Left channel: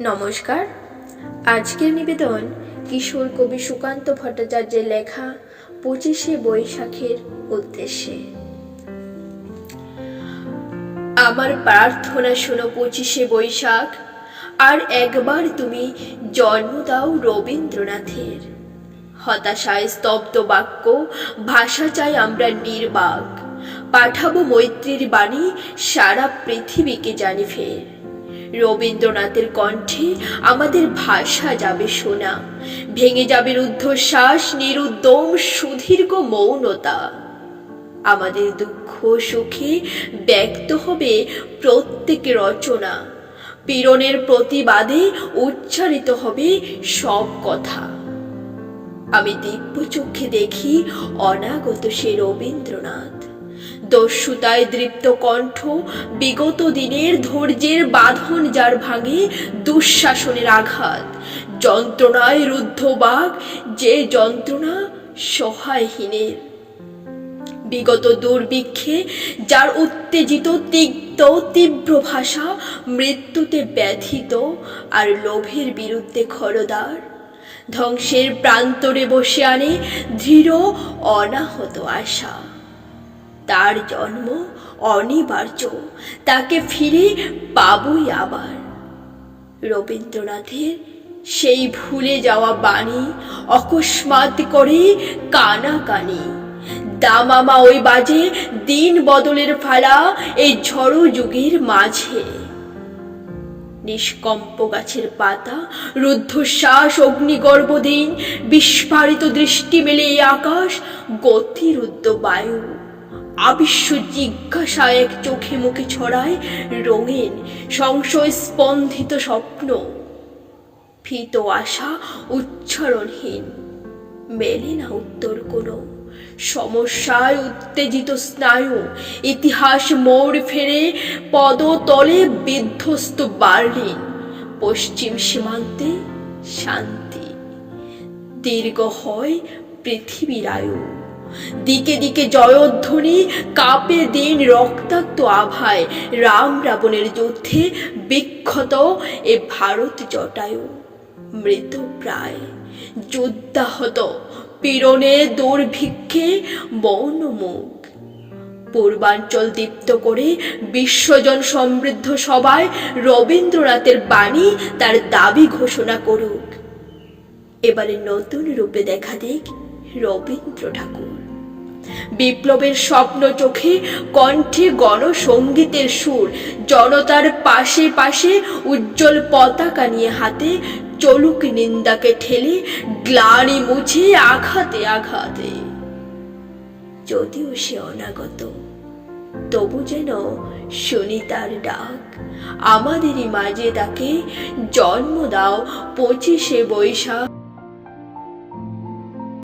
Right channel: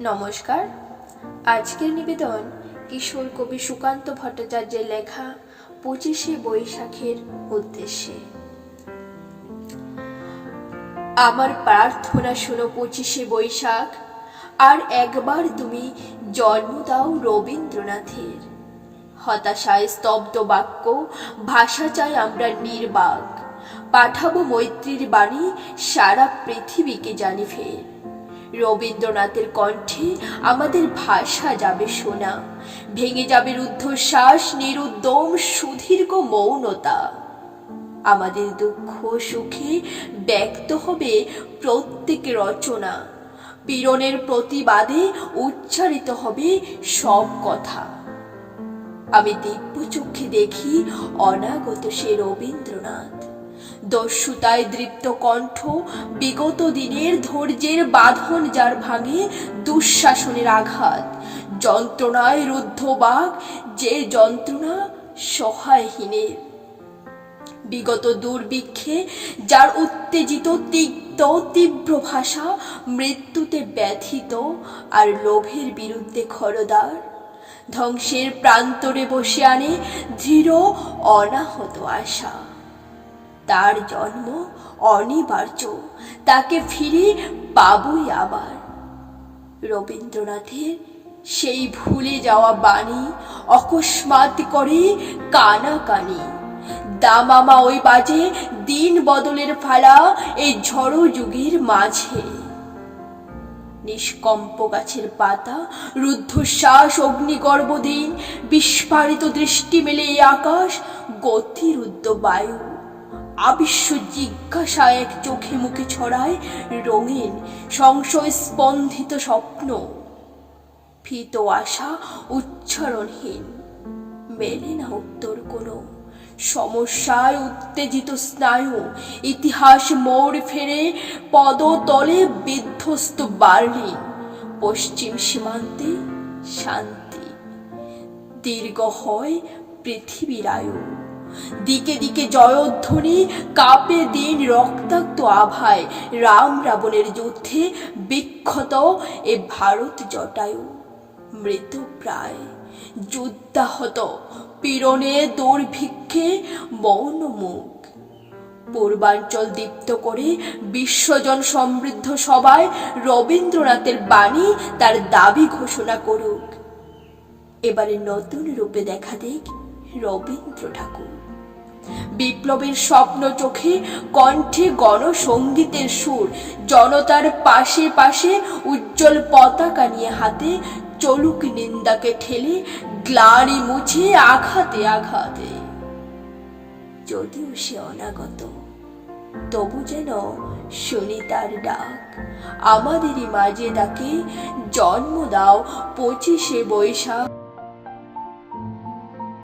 নমস্কার। আজকের নিবেদন কিশোর কবি সুকান্ত ভট্টাচার্যের লেখা পঁচিশে বৈশাখের উদ্দেশ্যে। আমার প্রার্থনা শোনো পঁচিশে বৈশাখ, আর একবার তুমি জন্ম দাও রবীন্দ্রনাথের। হতাশায় স্তব্ধ বাক্য, ভাষা চাই আমরা নির্বাক। পাঠাবো মৈত্রীর বাণী, সারা পৃথিবীকে জানি ফের। রবীন্দ্রনাথের কণ্ঠে আমাদের ভাষা যাবে শোনা ভেঙে যাবে রুদ্ধশ্বাস, নিরুদ্যম সুদীর্ঘ মৌনতা। আমাদের দুঃখ সুখে ব্যক্ত হবে প্রত্যেক রচনা। পীড়নের প্রতিবাদে উচ্চারিত হবে সব কথা। আমি দিব্য চোখে দেখি অনাগত সে রবীন্দ্রনাথ। দস্যুতায় দৃপ্ত কণ্ঠ, বিগত দিনের ধৈর্যের বাঁধন যার ভাঙে দুঃশাসনের আঘাত। যন্ত্রণায় রুদ্ধ বাঘ, যে যন্ত্রণা সহায়হীনের। বিগত দুর্ভিক্ষে যার উত্তেজিত তিক্ত, তীব্র ভাষা মৃত্যুতে ব্যথিত আর লোভের বিরুদ্ধে খরদার। ধ্বংসের প্রান্তরে বসে আনে দৃঢ়, অনাহত আশা। তার জন্ম অনিবার্য। তাকে ফিরে পাবই আবার। রবীন্দ্রনাথের সেই ভুলে যাওয়া বাণী অকস্মাৎ করে কানাকানি। দামামা ওই বাজে দিন বদলের ফালা এই ঝড়ো যুগের মাঝে। নিষ্কম্প গাছের পাতা, রুদ্ধশ্বাস অগ্নিগর্ভ দিন বিস্ফারিত দৃষ্টি মেলে এই আকাশ, গতিরুদ্ধ বায়ু। আবিশ্ব জিজ্ঞাসা এক চোখে মুখে ছড়ায় রঙিন সংশয় স্পন্দিত স্বপ্ন। ভীত আশা উচ্চারণহীন, মেলে না উত্তর কোনো। সমস্যায় উত্তেজিত স্নায়ু, ইতিহাস মোড় ফেরে পদতলে বিধ্বস্ত বার্লিন। পশ্চিম সীমান্তে শান্তি, দীর্ঘ হয় পৃথিবীর আয়ু। দিকে দিকে জয়ধ্বনি, কাপে দিন রক্তাক্ত আভায়। রাম রাবণের যুদ্ধে বিক্ষত এ ভারত জটায়ু। মৃত প্রায়। যোদ্ধাহত। পীড়নে দুর্ভিক্ষে মৌন মুখ পূর্বাঞ্চল দীপ্ত করে বিশ্বজন সমৃদ্ধ সবাই রবীন্দ্রনাথের বাণী তার দাবি ঘোষণা করুক। এবারে নতুন রূপে দেখা দিক রবীন্দ্র ঠাকুর। বিপ্লবের স্বপ্ন চোখে কণ্ঠে গণসঙ্গীতের সুর। জনতার পাশে পাশে উজ্জ্বল পতাকা নিয়ে হাতে চলুক নিন্দাকে ঠেলে, গ্লানি মুছে আঘাতে আঘাতে। যদিও সে অনাগত, তবু যেন শুনি তার ডাক। আমাদেরই মাঝে তাকে জন্ম দাও পঁচিশে বৈশাখ।